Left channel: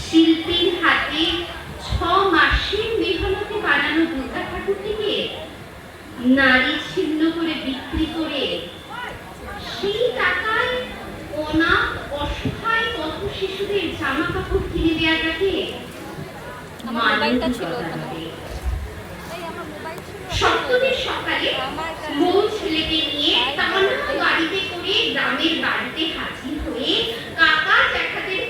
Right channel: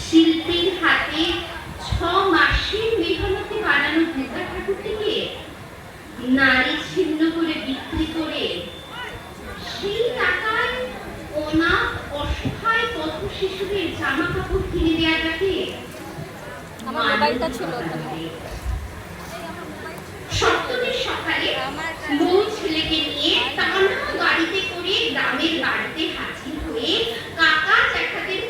শিল্পীর হাতে 6 মাসের মেহনতে বানানো জুতা ঠাকুরটিকে নারী ছিন্ন করে বিক্রি করে সেই টাকায় অনাথ অসহায় কত শিশুদের জামা কাপড় কিনে দেওয়াটাকে সপ্তমীর সকালে বউ ছেলেকে নিয়ে টানা গাড়িতে করে গ্রামের বাড়িতে হাজির হয়ে কাকা জ্যাঠাদের